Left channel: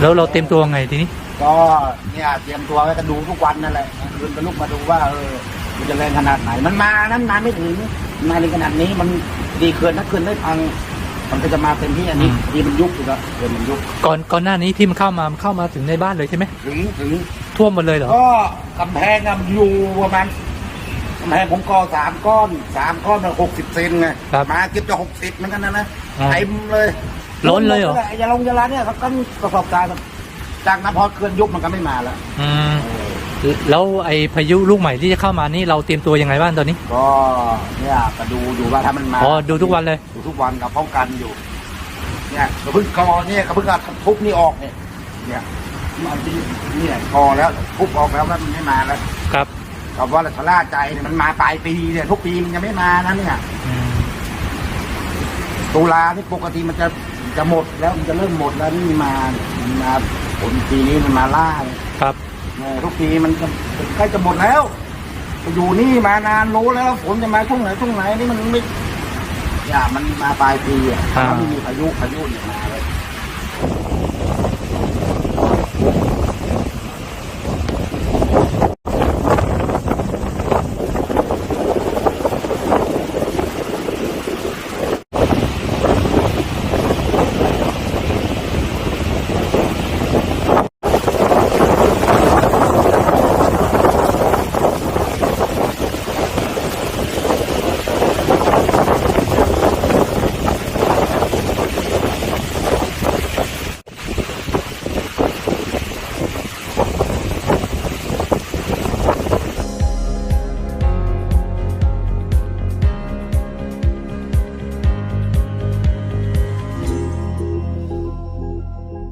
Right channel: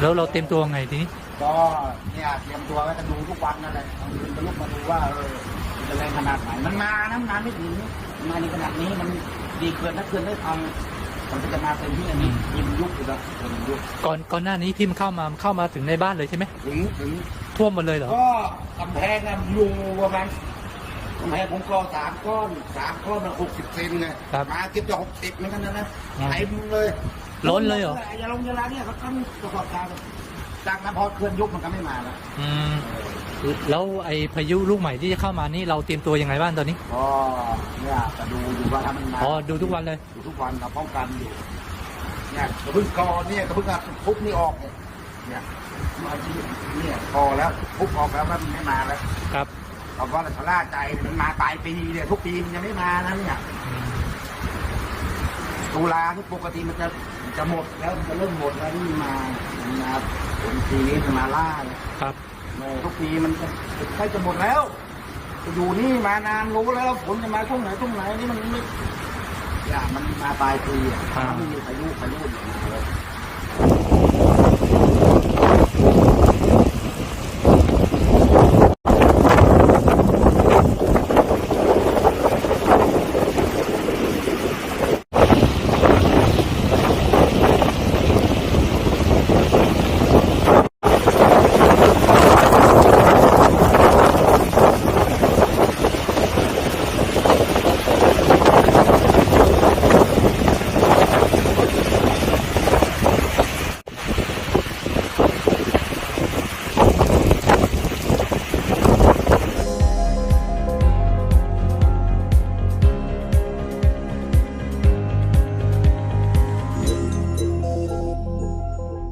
แล้วเราเต็มตัวไงทีนี้ ก็เนี่ยเตรียมตัวไว้กันดูทุกวันนั่นแหละคืนก็ลุกมาดูว่าเออมันจะแรงขนาดไหน มันมานั้นนานไม่ถึงมาในขนาดนี้มันดีเกินถ้าเกินได้พังมันก็จะมาเต็มที่อันนี้อืม ดีมันยุบอยู่แล้วเกินมันยุบก่อนก่อนหน้านี้ที่มันเข้ามามันเข้ามาถึงในบ้านเลยใช่ไหมถึงถึง ท่วมหมดเลยเหรอ ก็กำแพงอะอยู่ประมาณกำแพงผมก่อสามก้อนสามก้อนหกสิบเซนไงครับมาเก็บจะหกสิบเหมือนกันนะนะอ่า เต็มเลย ล้นเลยเหรอยาลงยาลาเนี่ยเขาต้องประกอบการแบบจากนั้นพอเคลื่อนยุบมันก็ไม่มาแล้วอืมแล้วไอ้พายุลูกใหม่ที่จะเข้ามานี่เราเตรียมตัวยังไงบ้างตอนนี้ ก็เนี่ยก็ดูอยู่ว่าถ้ามันมาอ๋อดูทุกวันเลยดูทุกวันกับป้องกันอยู่ เนี่ยกระพึ่งกอเนี่ยกระพึ่งเอาทุบนี่ออกเนี่ยเนี่ยมันที่เนี่ยกอแล้วทุบออกแล้วมันไม่มาแล้ว ครับกับว่าชะล่าใจเนี่ยมันมาปลายปีเนี่ยทุกปีมันยังไม่มานะเนี่ยอืม ตุลาที่ปกติมันจะจะหมดแล้วมันจะเริ่มหมดแล้วนี่มามันมาผลปีนี้มันมาล่าเนี่ยครับเออทุกปีมันจะใกล้จะหมดแล้ว อยู่นี่มานานรู้แล้วฝนจะมาช่วงไหนช่วงไหนนี่มันไม่อย่ามันมาปลายปีอะถ้าไม่มีพายุพายุเนี่ยมาเลย